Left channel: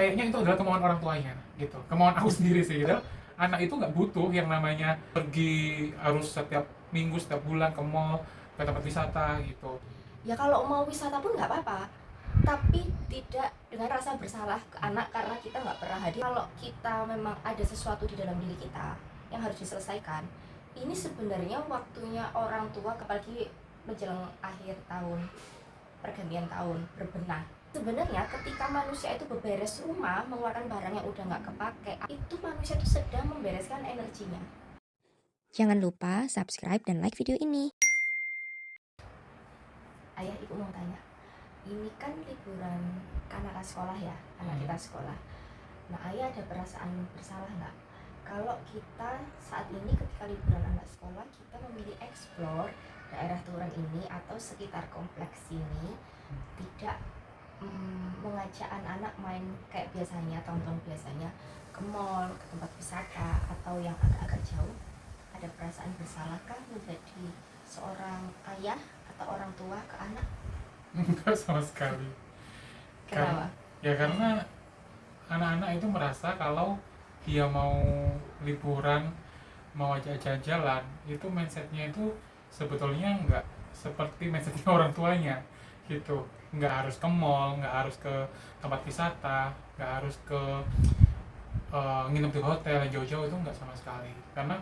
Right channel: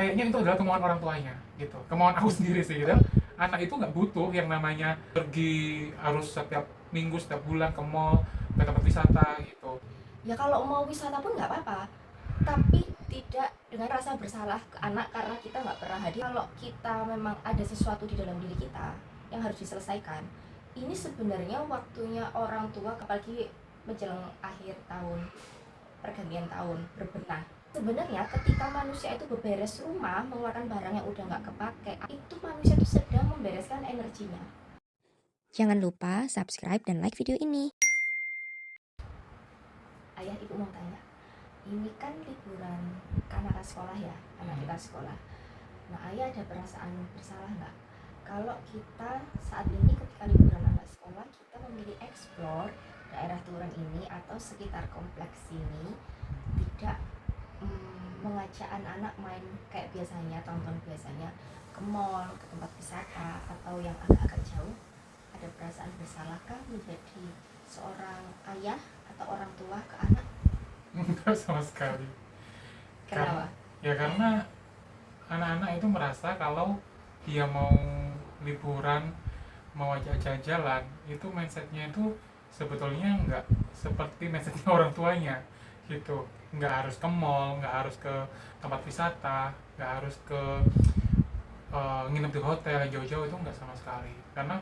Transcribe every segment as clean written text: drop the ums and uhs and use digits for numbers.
kayaknya itu adalah kemauan orang tuanya gitu, kemauan aku sendiri sih gitu. Anak itu nggak butuh yang namanya pergi harus setiap minggu setiap bulan ke mall, ke tempat wisata gitu. Ya kalau mau wisata pun nggak apa-apa, tapi tidak dengan rasa bersalah ke anak karena kita nggak pernah hadir. Kalau kita memang ada sesuatu di dalam diri kita yang harus diselesaikan, ini sebenarnya waktunya orang tua, apalagi menjelang akhir tahun, pergantian tahun, berbenah. Sebenarnya ketika manusia itu beberes rumah, mengeluarkan barang yang udah nggak kepake, itu manusia itu sedang membereskan energinya. Jangan lupa subscribe dan like video ini. Ayah, ibu mau tanya, ini kan liburan anak sekolah ya, anak kita sekolah. Nah, ayah ada perasaan bersalah nggak kalau kita saat ini ketika liburan anak sekolah kita memilih explore daerah Turen ini atau sekitar kompleks ini, tidak mengajak anak-anak main kayak biasanya, tahun-tahun biasanya, ke mall, ke tempat wisata atau yang agak-agak jauh? Ada perasaan bersalahkah menjadi seorang ayah atau orang tua ke anak? Enggak sama sekali. Kenapa? Karena anak-anak itu merasa kalau dia mau liburan, mau ajak jalan, itu mindsetnya itu sebetulnya nggak seperti mindsetnya orang tuanya gitu. Nggak harus ke mall, nggak harus ke tempat wisata, nggak harus ke nginep di hotel yang jauh-jauh, itu nggak sama sekali. Karena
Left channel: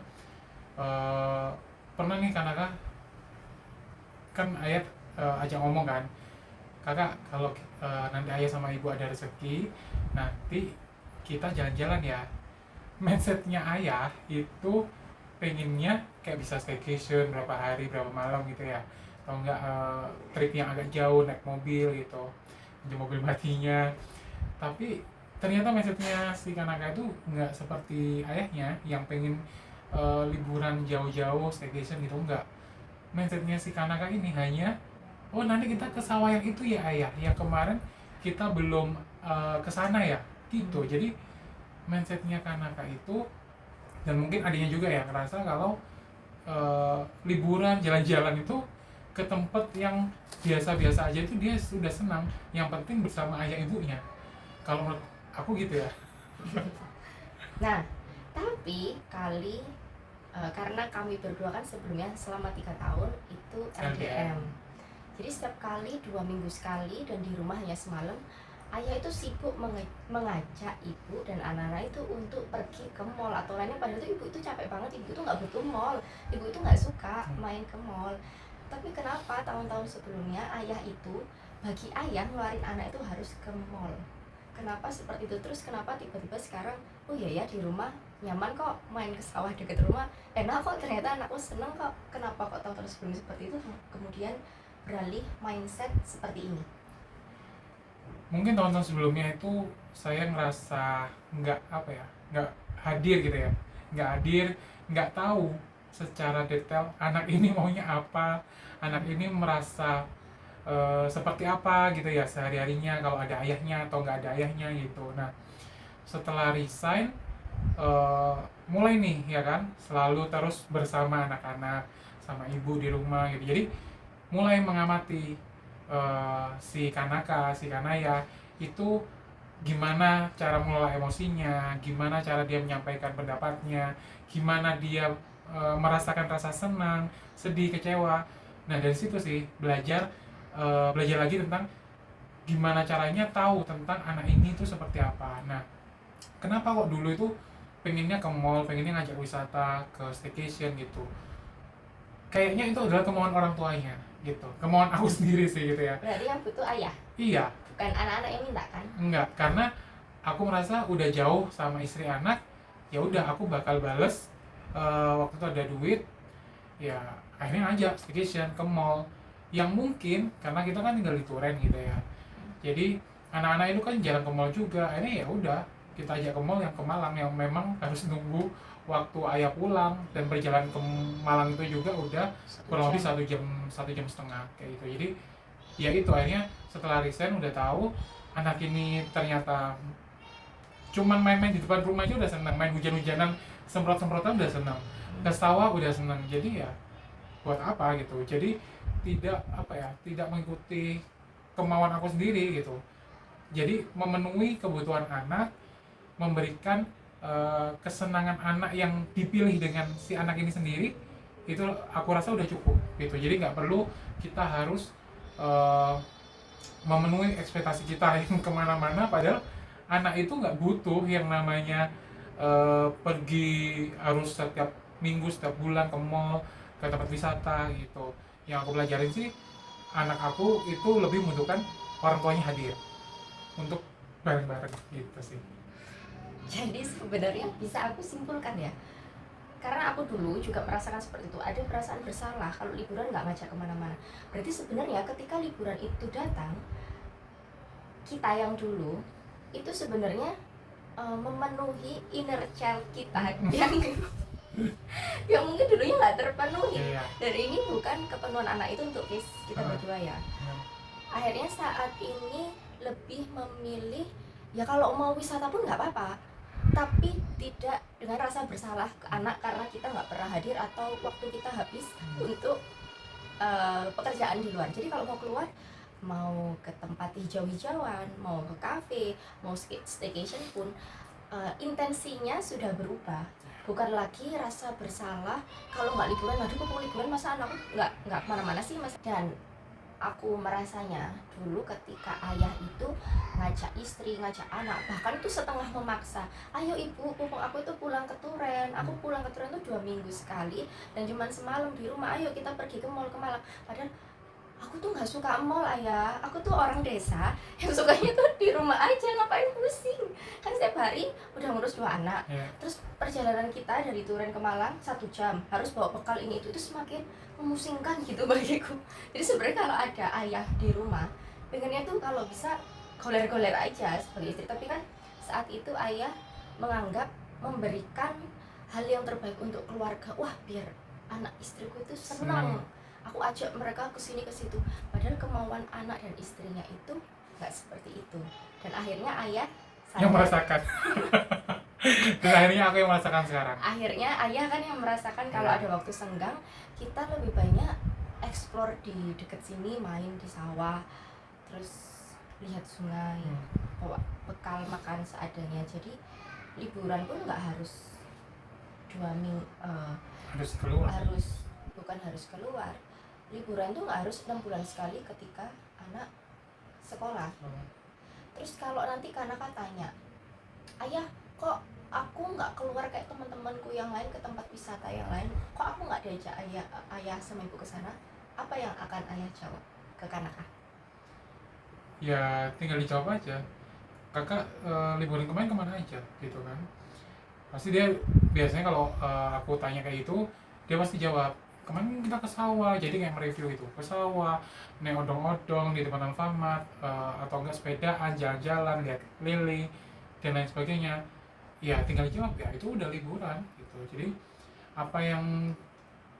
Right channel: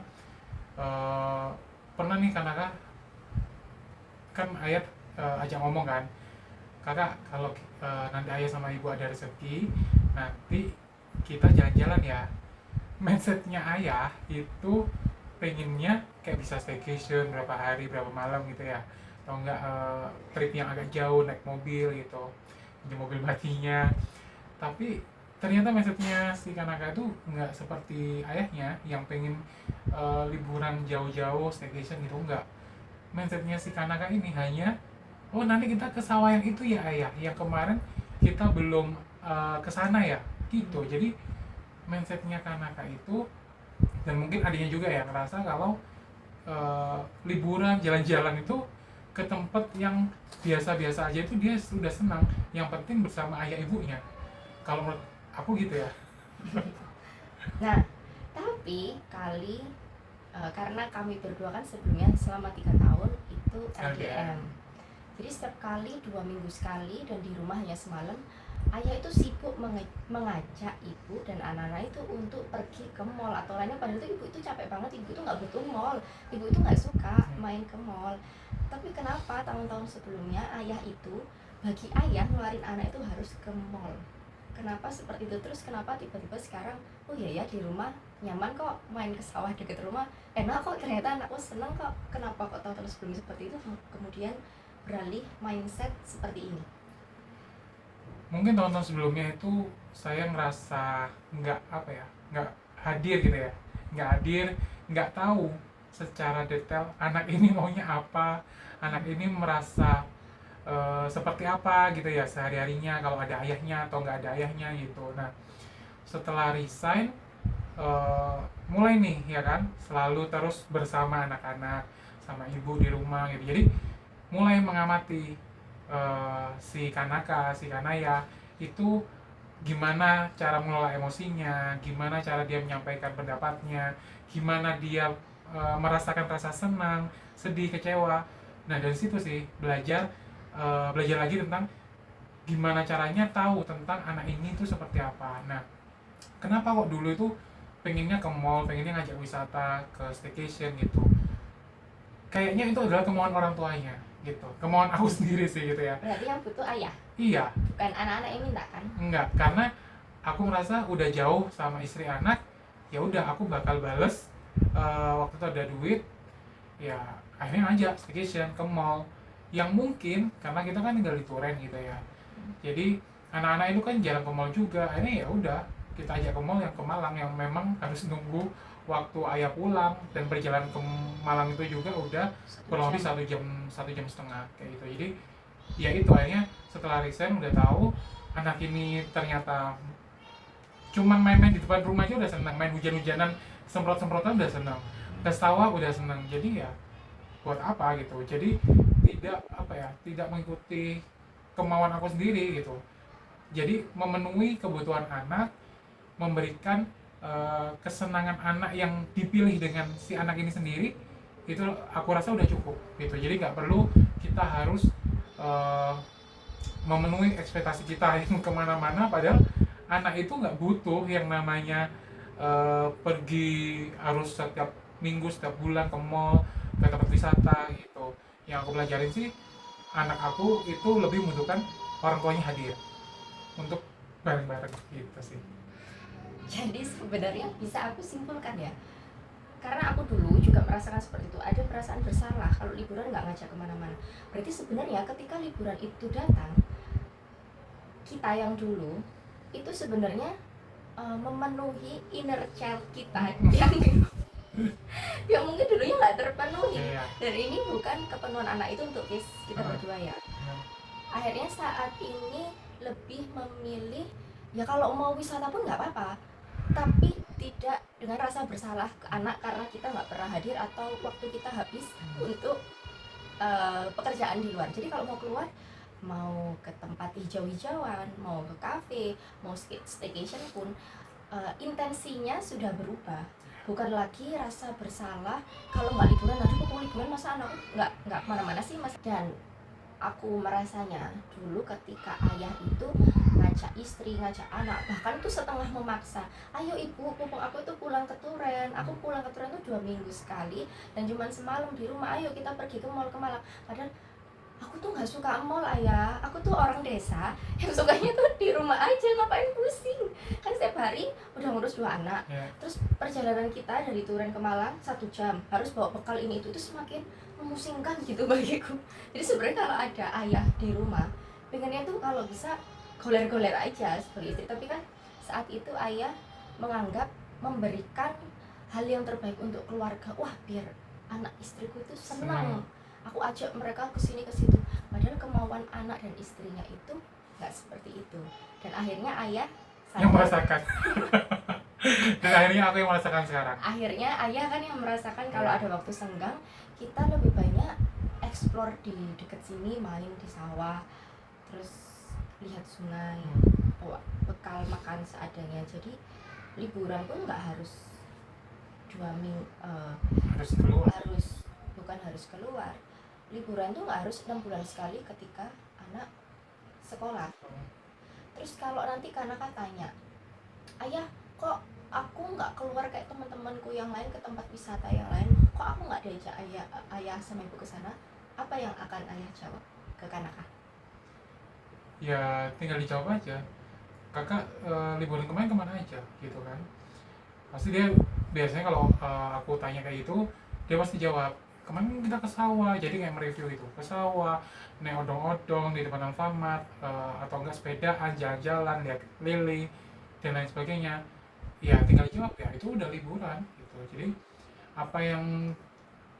eh, pernah nih kan ayat ajak ngomong kan, kakak kalau nanti ayah sama ibu ada rezeki, nanti kita jalan-jalan ya. Mindsetnya ayah itu pengennya kayak bisa staycation berapa hari berapa malam gitu ya, atau enggak trip yang agak jauh naik mobil gitu, di mobil matinya. Tapi ternyata mindsetnya si Kanaka itu nggak seperti ayahnya yang pengen liburan jauh-jauh staycation gitu, enggak. Mindsetnya si Kanaka ini hanya, oh nanti kita ke sawah yang itu ya ayah, yang kemarin kita belum ke sana ya gitu. Jadi mindsetnya Kanaka itu, dan mungkin adiknya juga ya ngerasa kalau liburan jalan-jalan itu ke tempat yang biasa-biasa aja itu dia sudah senang, yang penting bersama ayah ibunya. Kalau menurut aku gitu ya. Nah, tapi karena kami berdua kan sebelumnya selama 3 tahun itu LDM. LDM. Jadi setiap kali 2 minggu sekali dan di rumah hanya semalam, ayah itu sibuk mengajak ibu dan anak-anak itu untuk pergi ke mall atau lainnya. Padahal itu ibu itu capek banget, ibu itu nggak butuh mall, ibu itu nggak suka main ke mall. Tapi kenapa tahun-tahun sebelumnya ayah itu, bagi ayah ngeluarin anak itu harus ke mall? Kenapa seperti itu? Terus kenapa tiba-tiba sekarang, oh iya ya di rumah nyaman kok, main ke sawah deket rumah enak kok, ternyata anakku seneng kok. Kenapa kok tahun-tahun sebelumnya seperti itu kemudian beralih mindset seperti ini? Mungkin tahun-tahun sebelumnya itu saya ngerasa nggak apa ya, nggak hadir gitu ya, nggak hadir, nggak tahu secara detail anak ini maunya apa, anak ini merasa seperti apa gitu ya sehari-harinya, kalau ada ayahnya atau nggak ada ayahnya gitu. Nah, setelah resign, mulai nih ya kan, selalu terus bersama anak-anak sama ibu di rumah gitu. Jadi mulai mengamati si Kanaka, si Kanaya itu gimana cara mengelola emosinya, gimana cara dia menyampaikan pendapatnya, gimana dia merasakan rasa senang, sedih, kecewa. Nah dari situ sih belajar lagi tentang gimana caranya tahu tentang anak ini tuh seperti apa. Nah kenapa kok dulu itu pengennya ke mall, pengennya ngajak wisata, ke staycation gitu. Kayaknya itu adalah kemauan orang tuanya gitu, kemauan aku sendiri sih gitu ya. Berarti yang butuh ayah, Iya, bukan anak-anak yang minta kan? enggak, karena aku merasa udah jauh sama istri anak, ya udah aku bakal bales waktu itu ada duit, ya akhirnya ngajak staycation ke mall yang mungkin karena kita kan tinggal di Turen gitu ya. Jadi anak-anak itu kan jarang ke mall juga, akhirnya ya udah kita ajak ke mall yang ke Malang, yang memang harus nunggu waktu ayah pulang, dan perjalanan ke Malang itu juga udah kurang lebih 1 jam 1,5 jam kayak gitu. Jadi ya itu akhirnya setelah resign udah tahu anak ini ternyata cuman main-main di depan rumah aja udah senang, main hujan-hujanan semprot-semprotan udah senang, ke sawah udah senang. Jadi ya buat apa gitu. Jadi tidak apa ya, tidak mengikuti kemauan aku sendiri gitu. Jadi memenuhi kebutuhan anak, memberikan kesenangan anak yang dipilih dengan si anak ini sendiri, itu aku rasa udah cukup gitu. Jadi nggak perlu kita harus uh, memenuhi ekspektasi kita yang kemana-mana, padahal anak itu nggak butuh yang namanya pergi harus setiap minggu, setiap bulan ke mall, ke tempat wisata gitu. Yang aku pelajarin sih, anak aku itu lebih membutuhkan orang tuanya hadir untuk bareng-bareng gitu sih. Jadi sebenarnya bisa aku simpulkan ya, karena aku dulu juga merasakan seperti itu, ada perasaan bersalah kalau liburan nggak ngajak kemana-mana. Berarti sebenarnya ketika liburan itu datang, kita yang dulu itu sebenarnya memenuhi inner child kita yang mungkin dulunya nggak terpenuhi. Iya. Dan ini bukan kepenuhan anak itu untuk kita berdua ya. Akhirnya saat ini lebih memilih, ya kalau mau wisata pun nggak apa-apa, tapi tidak dengan rasa bersalah ke anak karena kita nggak pernah hadir atau waktu kita habis untuk pekerjaan di luar. Jadi kalau mau keluar, mau ke tempat hijau-hijauan, mau ke kafe, mau staycation pun, intensinya sudah berubah. Bukan lagi rasa bersalah kalau nggak liburan. Aduh, kok liburan masa anakku nggak kemana-mana sih mas. Dan aku merasanya dulu ketika ayah itu ngajak istri, ngajak anak, bahkan tuh setengah memaksa, ayo ibu, pupung aku tuh pulang ke Turen, aku pulang ke Turen tuh 2 minggu sekali dan cuma semalam di rumah, ayo kita pergi ke mall, ke Malang. Padahal aku tuh nggak suka mall ayah, aku tuh orang desa yang sukanya tuh di rumah aja, ngapain pusing. Kan setiap hari udah ngurus 2 anak, terus perjalanan kita dari Turen ke Malang 1 jam, harus bawa bekal ini itu semakin memusingkan gitu bagiku. Jadi sebenarnya kalau ada ayah di rumah, pengennya tuh kalau bisa goler-goler aja sebagai istri, tapi kan saat itu ayah menganggap memberikan hal yang terbaik untuk keluarga. Wah, biar anak istriku itu senang, aku ajak mereka ke sini ke situ. Padahal kemauan anak dan istrinya itu nggak seperti itu. Dan akhirnya ayah yang merasakan dan akhirnya aku yang merasakan sekarang. Akhirnya ayah kan yang merasakan kalau ada waktu senggang, kita lebih banyak explore di dekat sini, main di sawah, terus lihat sungai, bawa bekal makan seadanya. Jadi liburan pun nggak harus 2 minggu, harus keluar. Bukan harus keluar. Liburan tuh nggak harus 6 bulan sekali ketika anak sekolah. Terus kalau nanti anak tanya, ayah kok aku nggak keluar kayak teman-temanku yang lain ke tempat wisata yang lain, kok aku nggak diajak ayah sama ibu ke sana, apa yang akan ayah jawab ke Kanaka? Ya tinggal dijawab aja, kakak liburan kemarin kemana aja gitu kan. Pasti dia biasanya kalau aku tanya kayak gitu, dia pasti jawab, kemarin kita ke sawah. Jadi kayak mereview itu, ke sawah, naik odong-odong di depan Alfamart, atau enggak sepedaan, jalan-jalan, lihat lele dan lain sebagainya. Ya tinggal dijawab, ya itu udah liburan gitu. Jadi apa yang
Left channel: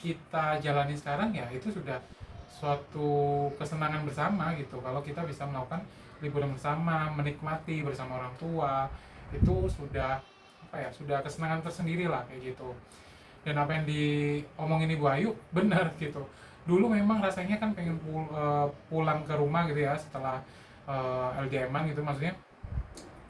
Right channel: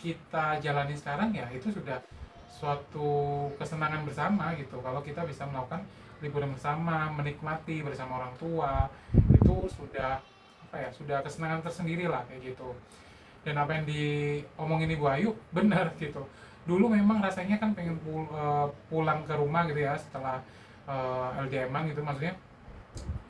kita jalani sekarang ya itu sudah suatu kesenangan bersama gitu. Kalau kita bisa melakukan liburan bersama, menikmati bersama orang tua, itu sudah apa ya, sudah kesenangan tersendiri lah kayak gitu. Dan apa yang diomongin Ibu Ayu benar gitu. Dulu memang rasanya kan pengen pulang ke rumah gitu ya setelah LDM-an gitu, maksudnya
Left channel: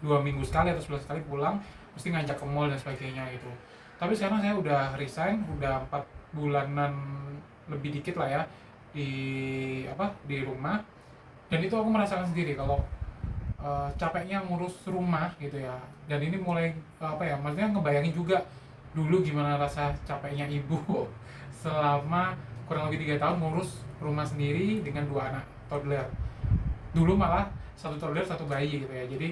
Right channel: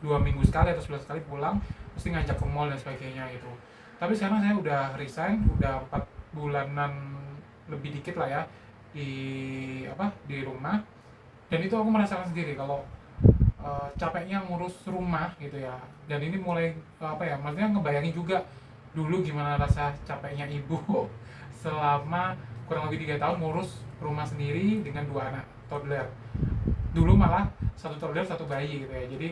2 minggu sekali atau 11 kali pulang, mesti ngajak ke mall dan sebagainya gitu. Tapi sekarang saya udah resign, udah 4 bulanan lebih dikit lah ya di rumah, dan itu aku merasakan sendiri kalau capeknya ngurus rumah gitu ya. Dan ini mulai maksudnya ngebayangin juga dulu gimana rasa capeknya ibu selama kurang lebih 3 tahun ngurus rumah sendiri dengan 2 anak toddler. Dulu malah 1 toddler 1 bayi gitu ya, jadi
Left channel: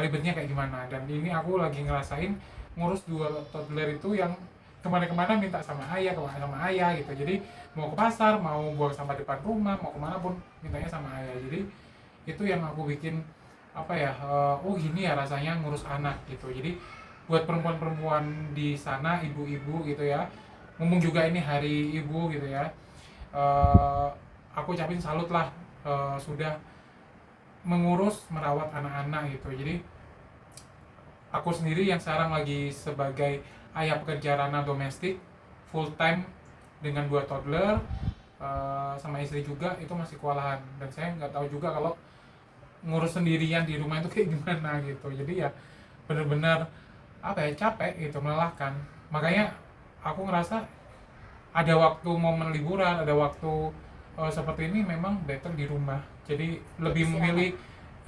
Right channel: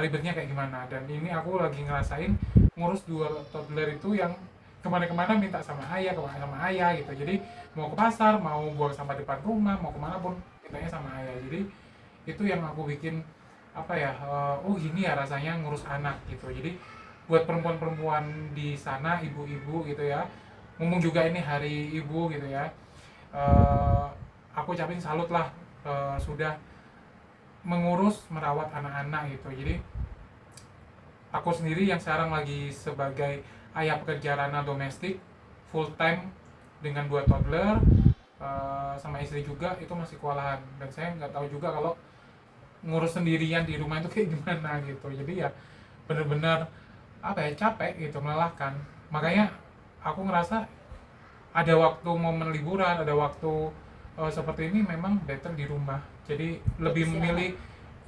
ribetnya kayak gimana. Dan ini aku lagi ngerasain ngurus 2 toddler itu yang kemana-kemana minta sama ayah gitu. Jadi mau ke pasar, mau buang sampah depan rumah, mau kemana pun mintanya sama ayah. Jadi itu yang aku bikin oh gini ya rasanya ngurus anak gitu. Jadi buat perempuan-perempuan di sana, ibu-ibu gitu ya, ngomong juga ini hari ibu gitu ya, aku ucapin salut lah, sudah mengurus merawat anak-anak gitu. Jadi aku sendiri yang sekarang lagi sebagai ayah pekerja ranah domestik full time dengan 2 toddler, sama istri juga, itu masih kewalahan. Dan saya nggak tahu juga kalau ngurus sendirian di rumah itu kayak gimana gitu. Jadi ya bener-bener apa ya, capek gitu, melelahkan. Makanya aku ngerasa ada waktu momen liburan, ada waktu seperti ini memang better di rumah. Jadi lebih Istirahat. memilih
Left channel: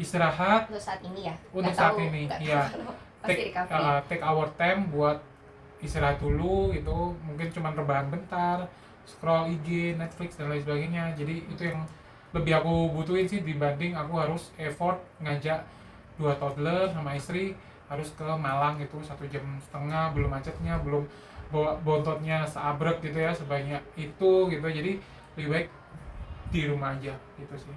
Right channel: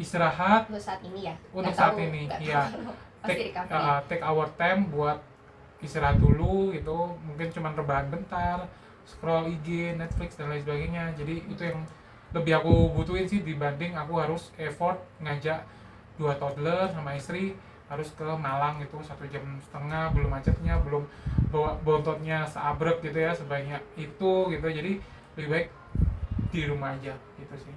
istirahat Untuk saat ini ya. untuk Nggak saat tahu- ini nggak tahu ya. kalau pasti take recovery. take our time buat istirahat dulu gitu, mungkin cuman rebahan bentar, scroll IG, Netflix dan lain sebagainya. Jadi itu yang lebih aku butuhin sih, dibanding aku harus effort ngajak 2 toddler sama istri harus ke Malang itu 1,5 jam, belum macetnya, belum bawa bontotnya seabrek gitu ya, sebanyak itu gitu. Jadi lebih baik di rumah aja gitu sih.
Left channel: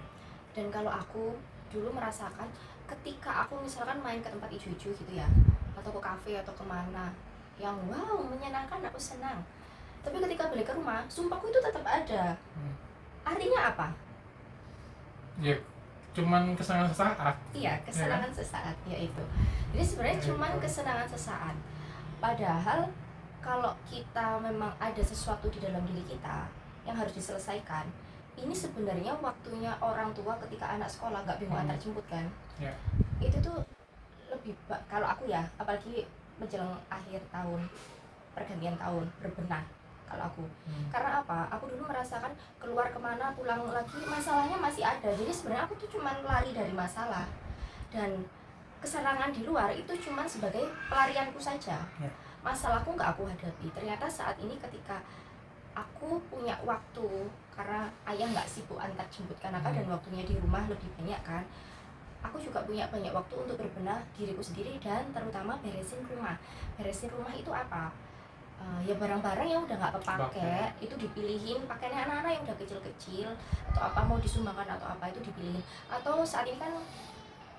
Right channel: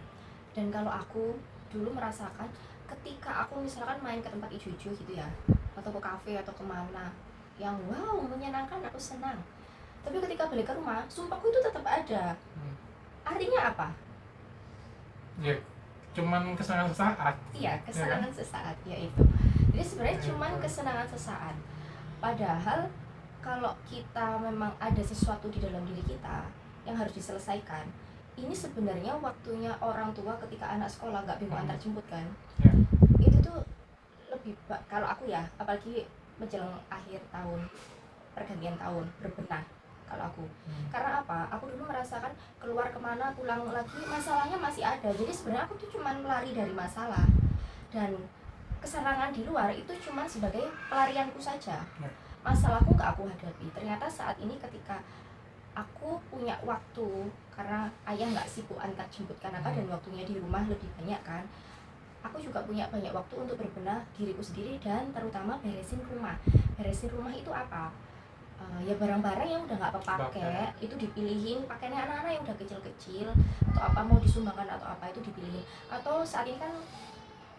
Dan kalau aku dulu merasakan ketika aku misalkan main ke tempat ijo-ijo gitu ya, atau ke kafe atau kemana yang wow menyenangkan, aku senang. Tapi ketika balik ke rumah, sumpahku itu tetap ada. Artinya apa? Ya cuman kesenangan sesaat. Iya, kesenangan sesaat ya itu. Jadi sebenarnya Ya, cuman itu. kesenangan sesaat. Padahal kalau kita memang ada sesuatu di dalam diri kita yang harus diselesaikan, ini sebenarnya waktunya orang tua ketika anak sekolah nggak bingung antar jemput kan. Ya. Itu tuh lebih kalau aku ya, apalagi menjelang akhir tahun, pergantian tahun, berbenah kalau aku. Karena apa? Aku dulu merasakan keluar kemana, pulang lagi, masalahnya masih ada. Jadi sebenarnya aku tuh cuman lari dari masalah, dan kesenangan di luar itu cuma sebagai pelarianku saja. Ya. Masalahku nggak aku hadapi. Ternyata saat ini ketika aku punya waktu, karena ayah nggak sibuk antar jemput kanaka dan waktunya di rumah lebih banyak kan, aku juga punya banyak waktu untuk berbenah diriku sendiri dan terutama beresin rumah. Beresin rumah itu apa? Ya barang-barang yang udah nggak kepake itu dipilihin, pakainya anak-anak yang udah kecil-kecil atau apa mau disumbangkan atau apa itu dipilihin. Atau saat ini kan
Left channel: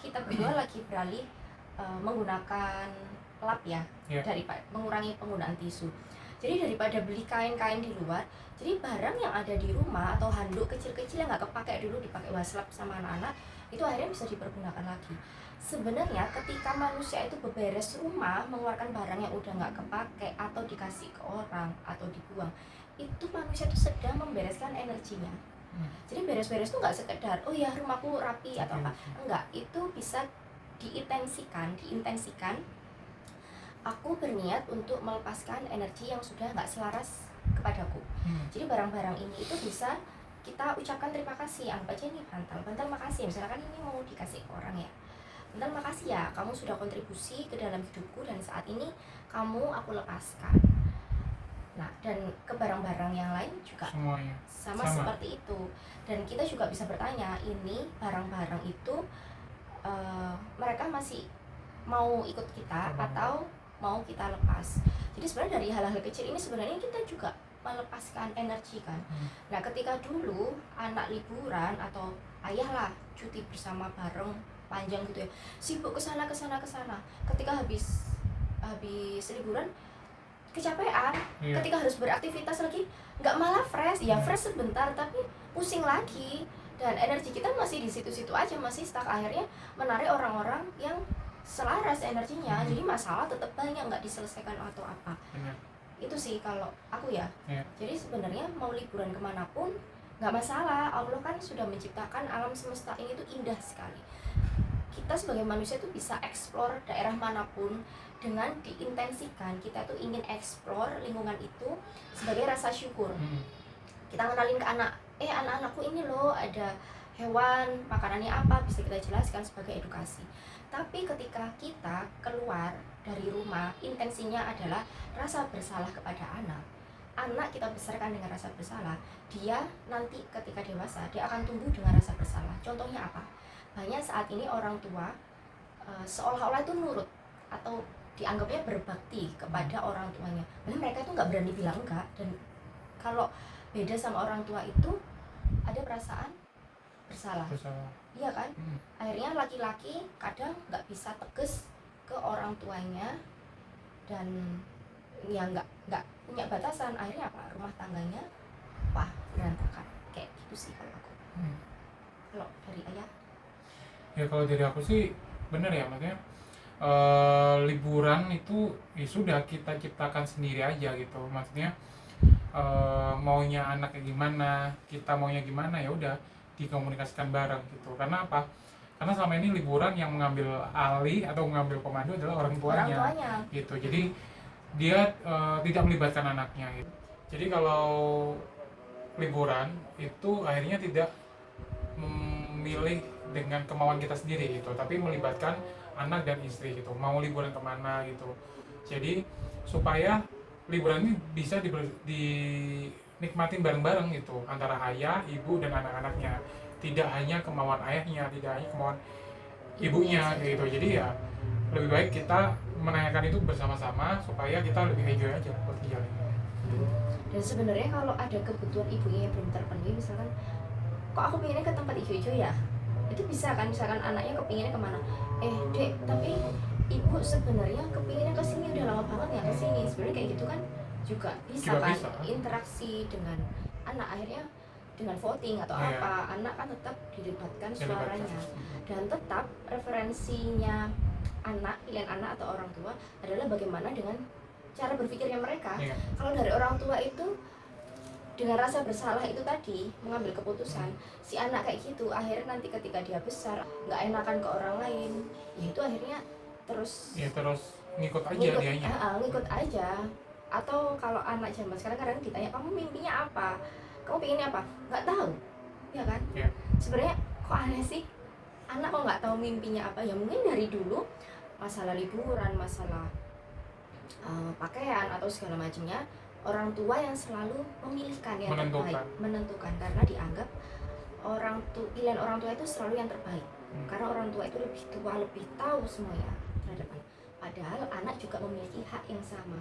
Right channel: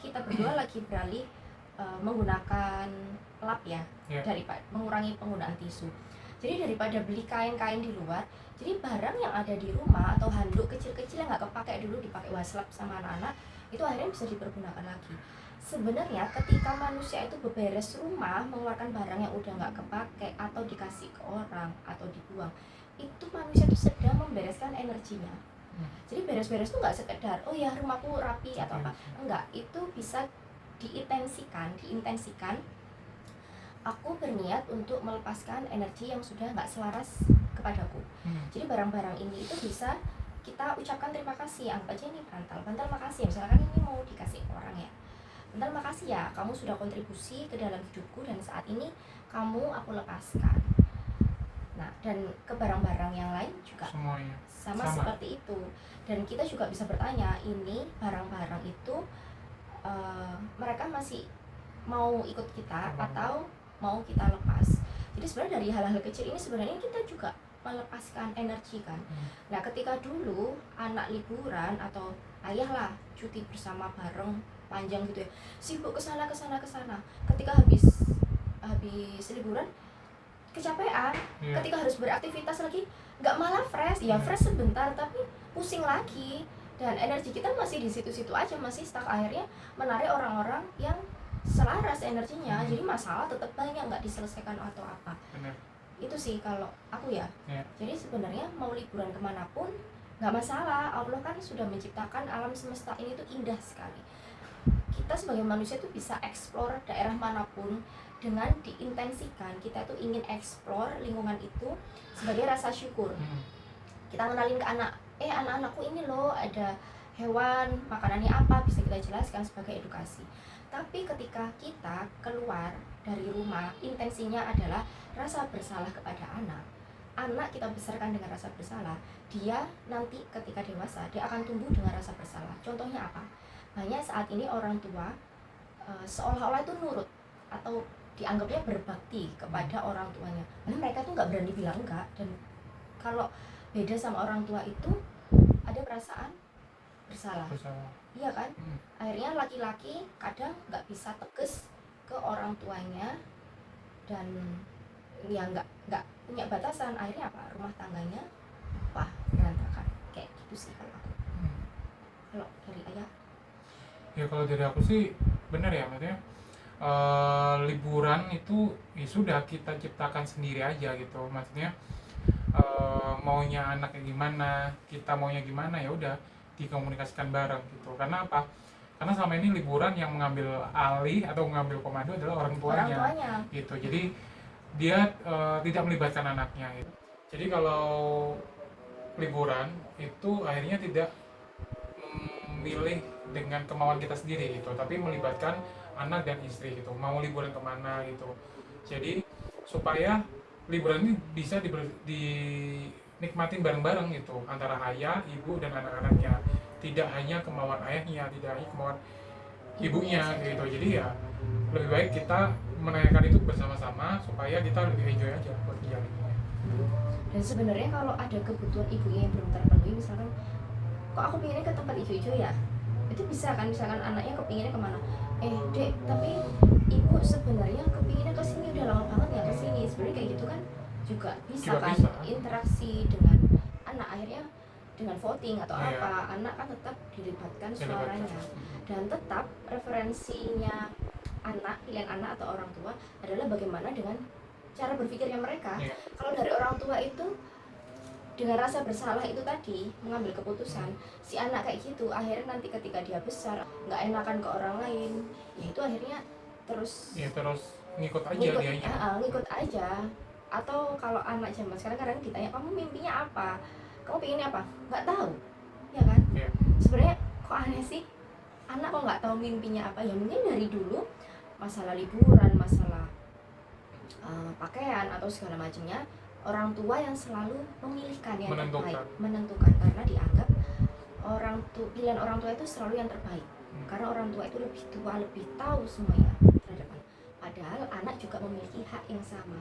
kita berdua lagi beralih menggunakan lap ya, daripada mengurangi penggunaan tisu. Jadi daripada beli kain-kain di luar, jadi barang yang ada di rumah atau handuk kecil-kecil yang nggak kepake dulu dipakai waslap sama anak-anak, itu akhirnya bisa dipergunakan lagi. Sebenarnya ketika manusia itu beberes rumah, mengeluarkan barang yang udah nggak kepake atau dikasih ke orang atau dibuang, itu manusia itu sedang membereskan energinya. Jadi beres-beres itu nggak sekedar oh ya rumahku rapi atau apa, enggak, itu bisa diintensikan. Aku berniat untuk melepaskan energi yang sudah nggak selaras kepadaku. Jadi barang-barang ini itu bisa kita ucapkan terima kasih. Anggap aja ini bantal makasih, misalkan ini mau dikasih ke orang ya, bantal makasih ya, kamu sudah kontribusi ke dalam hidupku dan saat ini kamu aku lepaskan. Nah, dan ke barang-barang yang lain juga semuanya sama seperti itu. Dan kita juga bisa bertanya, ini barang-barang itu mereka masih mau ikut kita atau mau kita lepas. Jadi sebenarnya dari hal-hal kecil ini sebenarnya kita juga melepaskan energi kan. Nah, ketika dulu anak liburan atau ayah lah cuti bersama bareng panjang gitu ya, sibuk kesana. Ketika habis liburan kecapean, ketika harus beraktivitas lagi nggak malah fresh, ya fresh sebentar tapi pusing lagi, dan energi kita masih di situ-situ aja, masih stuck. Akhirnya menarik orang-orang yang selaras energinya, jadi masalah tetap banyak nggak diselesaikan atau apa. Benar. Itu sih kalau aku ya. Jadi sebenarnya mau liburan kemanapun nggak masalah. Allah kan sudah menciptakan alam semesta ini tuh indah sekali. Kita sebagai manusia tuh bisa explore daerah manapun dengan diintensikan. Kita tuh ingin explore lingkungan itu sebagai rasa syukur. Kita kenalin ke anak-anakku ini loh ada hewan, makanannya apa, bisa kita jelaskan sebagai edukasi. Tapi ketika kita keluar dari rumah, intensinya adalah rasa bersalah kepada anak kita besarkan dengan rasa bersalah, dia nanti ketika dewasa dia akan tumbuh dengan rasa bersalah. Contohnya apa? Banyak saat ini orang tua seolah-olah itu nurut atau dianggapnya berbakti kepada orang tuanya, padahal mereka itu nggak berani bilang enggak. Dan kalau beda sama orang tua itu ada perasaan bersalah. Iya kan? Akhirnya laki-laki kadang nggak bisa tegas ke orang tuanya dan ya nggak punya batasan. Akhirnya apa? Rumah tangganya berantakan. Kayak gitu sih kalau aku. Kalau dari ayah? Ya kalau dari aku sih bener ya, maksudnya liburan itu ya sudah kita ciptakan sendiri aja gitu. Maksudnya maunya anaknya gimana, kita maunya gimana, ya udah dikomunikasikan bareng gitu. Karena apa? karena selama ini liburan yang mengambil alih atau mengambil komando adalah orang tuanya, gitu. Jadi dia tidak melibatkan anaknya gitu. Jadi kalau liburan itu akhirnya tidak memilih dengan kemauan kita sendiri gitu, tapi melibatkan anak dan istri gitu, mau liburan kemana gitu. Jadi supaya liburan ini bisa dinikmatin bareng-bareng gitu antara ayah, ibu dan anak-anaknya, tidak hanya kemauan ayahnya, tidak hanya kemauan ibunya gitu. Jadi ya lebih baik kita menanyakan itu bersama-sama supaya kita lebih enjoy aja buat jalannya. Dan sebenarnya kalau ada kebutuhan ibunya yang belum terpenuhi, misalkan kok aku pengennya ke tempat hijau-hijau ya, itu bisa kan, misalkan anaknya kepinginnya kemana, dek tapi ibu sebenarnya kepinginnya ke sini, udah lama banget nggak ke sini. Sebenarnya kayak gitu kan juga bisa Juga kan bisa. interaksi dengan anak, akhirnya dengan voting atau Iya. apa, anak kan tetap dilibatkan suaranya, dan tetap referensinya anak, pilihan anak atau orang tua adalah bagaimana dengan cara berpikirnya mereka. Iya. Kalau dari orang tua itu dengan rasa bersalah itu tadi mengambil keputusan, si anak kayak gitu, akhirnya nanti ketika dia besar nggak enakan ke orang lain, ya itu akhirnya terus Ya terus ngikut aja dianya. ngikut aja. Atau kalau anak zaman sekarang kadang ditanya, kamu mimpinya apa, kamu pengennya apa, nggak tahu, ya kan? Iya. Sebenarnya kok aneh sih, anak kok nggak tahu mimpinya apa. Ya mungkin dari dulu masalah liburan, masalah pakaian atau segala macamnya, orang tua yang selalu memilihkan yang terbaik, menentukan, karena dianggap pilihan orang tua itu selalu yang terbaik. Karena orang tua itu lebih tua, lebih tahu semuanya terhadap anak. Padahal anak juga memiliki hak yang sama.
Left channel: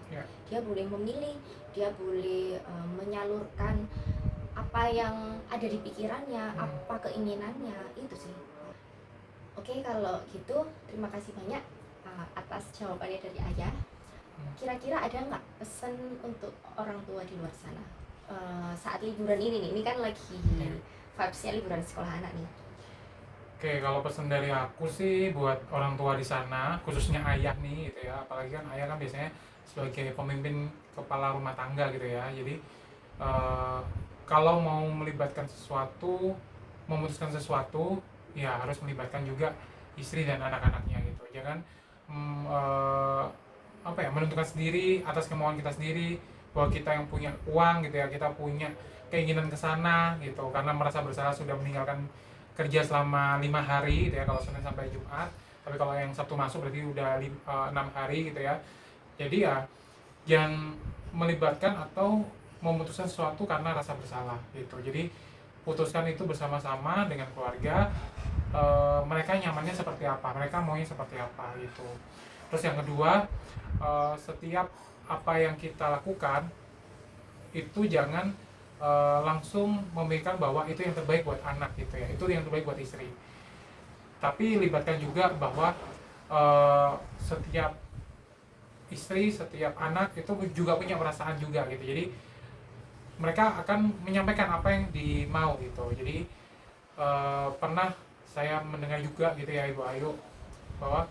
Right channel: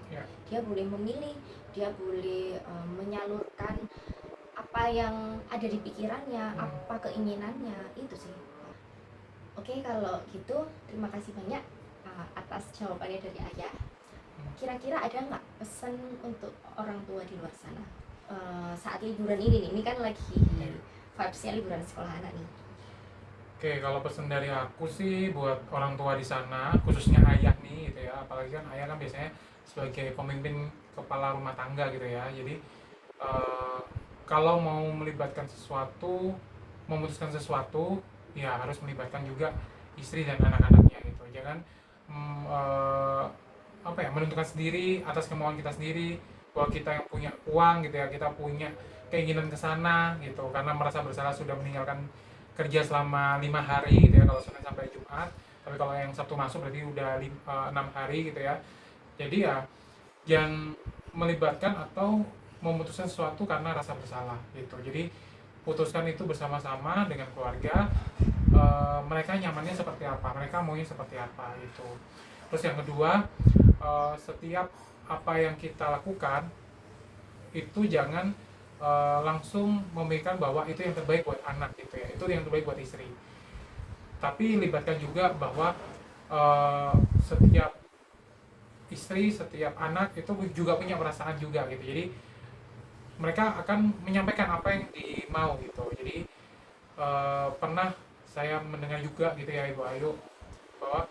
Dia boleh memilih, dia boleh menyalurkan apa yang ada di pikirannya, apa keinginannya, itu sih. Oke, kalau gitu terima kasih banyak atas jawabannya dari ayah. Kira-kira ada nggak pesan untuk orang tua di luar sana saat liburan ini nih? Ini kan lagi vibes-nya liburan sekolah anak nih. Oke, kalau pesan dari aku sih buat orang tua di sana, khususnya ayah nih gitu ya, apalagi kan ayah kan biasanya sebagai pemimpin kepala rumah tangga gitu ya. Jadi kalau mau melibatkan sesuatu, memutuskan sesuatu, ya harus melibatkan juga istri dan anak-anaknya gitu. Jangan menentukan sendiri atas kemauan kita sendiri, bahwa kita yang punya uang gitu ya, kita punya keinginan ke sana gitu, karena merasa bersalah sudah meninggalkan kerja selama 5 hari gitu ya, kalau Senin sampai Jumat. Tapi kalau yang Sabtu masuk berarti udah 6 hari gitu ya. Jadi ya yang melibatkan atau memutuskan sesuatu karena rasa bersalah gitu. Jadi putuskan itu bersama-sama dengan keluarga, mereka nyamannya seperti apa, mereka maunya seperti apa gitu. Terus yang kedua, setiap apa yang kita lakukan itu jangan langsung memikirkan bahwa itu yang terbaik buat anak gitu ya, itu yang terbaik buat istri. Tapi libatkan juga bahwa setiap istri, setiap anak itu juga punya perasaan juga gitu. Jadi mereka akan menyampaikan apa yang dimau gitu. Jadi pernah saya mendengar juga gitu ya Ibu Ayu, bahwa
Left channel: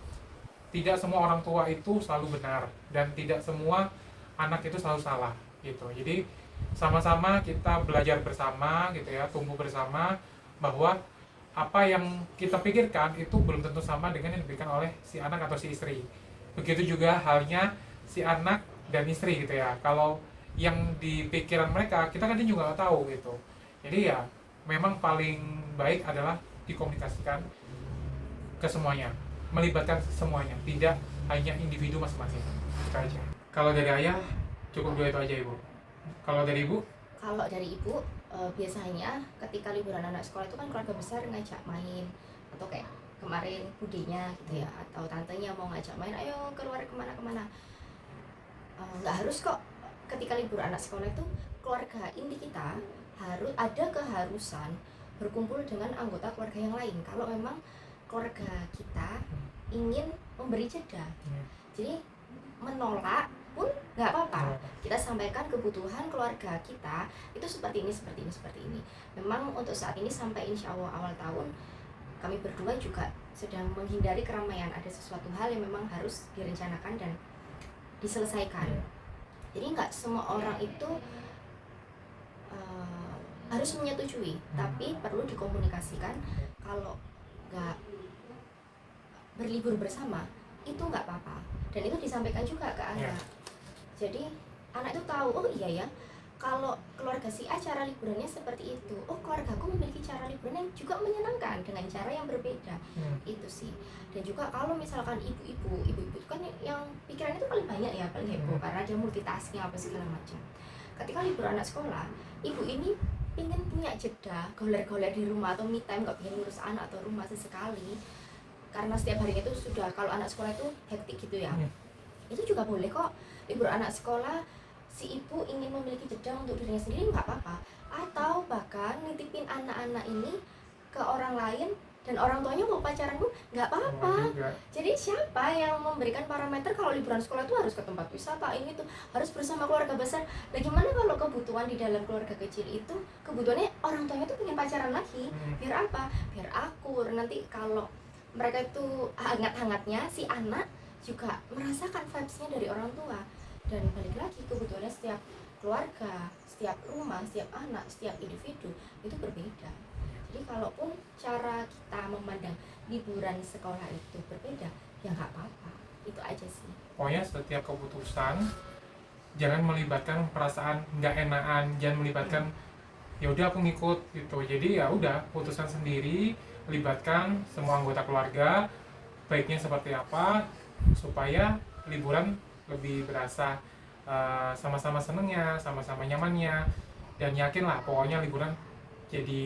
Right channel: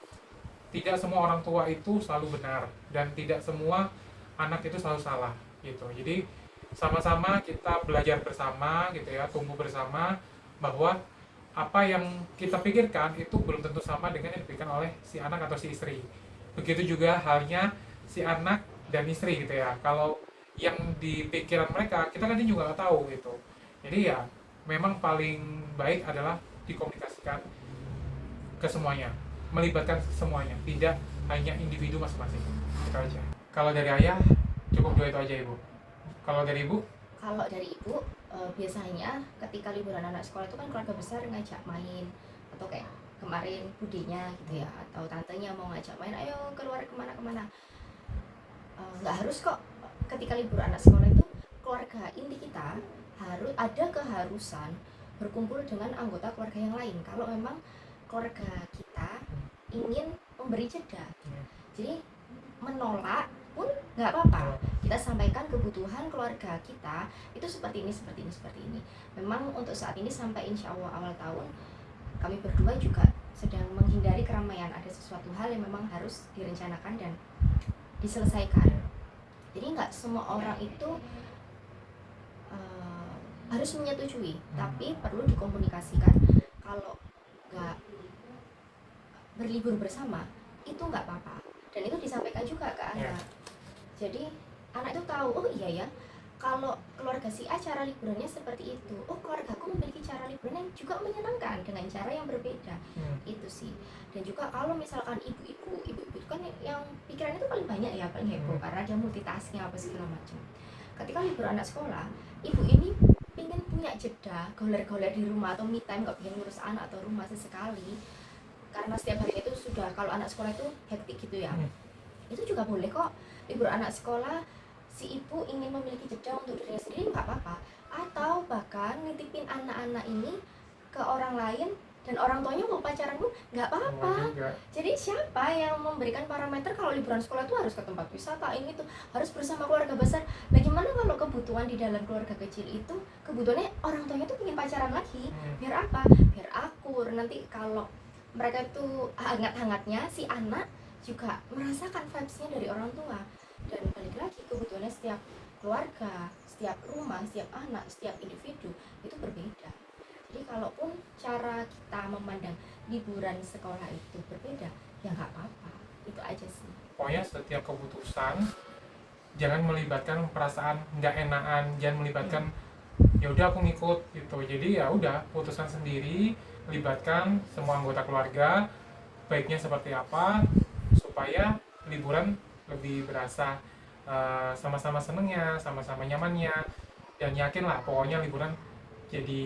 tidak semua orang tua itu selalu benar dan tidak semua anak itu selalu salah gitu. Jadi sama-sama kita belajar bersama gitu ya, tumbuh bersama, bahwa apa yang kita pikirkan itu belum tentu sama dengan yang dipikirkan oleh si anak atau si istri. Begitu juga halnya si anak dan istri gitu ya. Kalau yang di pikiran mereka kita kan juga nggak tahu gitu. Jadi ya memang paling baik adalah dikomunikasikan ke semuanya, melibatkan semuanya, tidak hanya individu masing-masing. Itu aja. Kalau dari ayah cukup 2 itu aja Ibu. Kalau dari Ibu? Kalau dari Ibu biasanya ketika liburan anak sekolah itu kan keluarga besar ngajak main, atau kayak kemarin budenya gitu ya, atau tantenya mau ngajak main, ayo keluar kemana-kemana. Nggak harus kok. Ketika libur anak sekolah itu keluarga inti kita harus ada keharusan berkumpul dengan anggota keluarga yang lain kalau memang keluarga kita ingin memberi jeda. Jadi menolak pun nggak apa-apa, kita sampaikan kebutuhan keluarga kita itu seperti ini, seperti ini, seperti ini. Memang untuk saat ini sampai insya Allah awal tahun kami berdua juga sedang menghindari keramaian. Ada sesuatu hal yang memang harus direncanakan dan diselesaikan. Jadi nggak semua orang itu harus menyetujui, tapi perlu dikomunikasikan. Kalau nggak berlibur bersama itu nggak apa-apa, dan itu disampaikan juga ke anak. Jadi anak itu tahu, oh iya ya, kalau keluarga si A cara liburannya seperti itu, oh keluargaku memiliki cara liburan yang juga menyenangkan dengan cara yang berbeda. Itu sih. Dan juga kalau misalkan ibu-ibu itu kan yang pikirannya itu paling banyak ya, paling heboh karena dia multitasking apa segala macam. Ketika libur anak sekolah, ibu ini ingin punya jeda goler-goler di rumah atau me time, nggak pengen ngurus anak atau rumah sesekali, karena setiap harinya itu sudah, kalau anak sekolah itu hektik gitu ya. Itu juga boleh kok, libur anak sekolah si ibu ingin memiliki jeda untuk dirinya sendiri, nggak apa-apa. Atau bahkan nitipin anak-anak ini ke orang lain dan orang tuanya mau pacaran pun nggak apa-apa. Jadi siapa yang memberikan parameter kalau liburan sekolah itu harus ke tempat wisata, ini tuh harus bersama keluarga besar? Bagaimana kalau kebutuhan di dalam keluarga kecil itu, kebutuhannya orang tuanya tuh pengen pacaran lagi? Biar apa? Biar akur. Nanti kalau mereka itu hangat-hangatnya, si anak juga merasakan vibes-nya dari orang tua. Dan balik lagi, kebutuhannya setiap keluarga, setiap rumah, setiap anak, setiap individu itu berbeda. Jadi kalaupun cara kita memandang liburan sekolah itu berbeda, ya nggak apa-apa, itu aja sih. Pokoknya setiap keputusan jangan melibatkan perasaan nggak enakan, jangan melibatkan ya udah aku ngikut gitu. Jadi ya udah, putusan sendiri, libatkan semua anggota keluarga, baiknya seperti apa supaya liburan lebih berasa sama-sama senengnya, sama-sama nyamannya, dan yakinlah pokoknya liburan jadi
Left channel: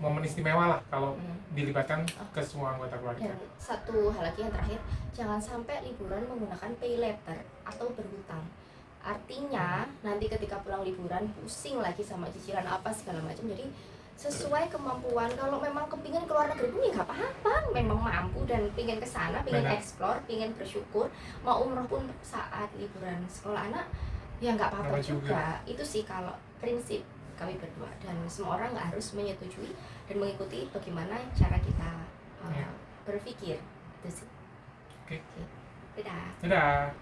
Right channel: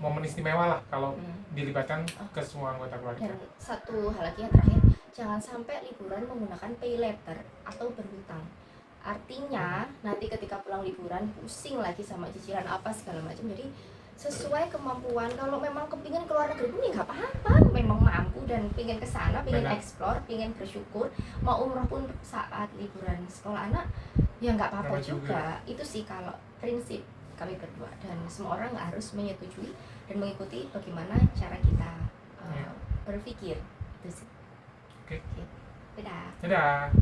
momen istimewa lah kalau dilibatkan ke semua anggota keluarga. Dan satu hal lagi yang terakhir, jangan sampai liburan menggunakan pay later atau berhutang. Artinya nanti ketika pulang liburan pusing lagi sama cicilan apa segala macam. Jadi sesuai kemampuan, kalau memang kepingin keluar negeri pun ya nggak apa-apa, memang mampu dan pingin kesana, pingin explore, pingin bersyukur, mau umroh pun saat liburan sekolah anak ya nggak apa-apa juga. Itu sih kalau prinsip kami berdua, dan semua orang nggak harus menyetujui dan mengikuti bagaimana cara kita berpikir. Itu sih. Oke. Dadah. Dadah.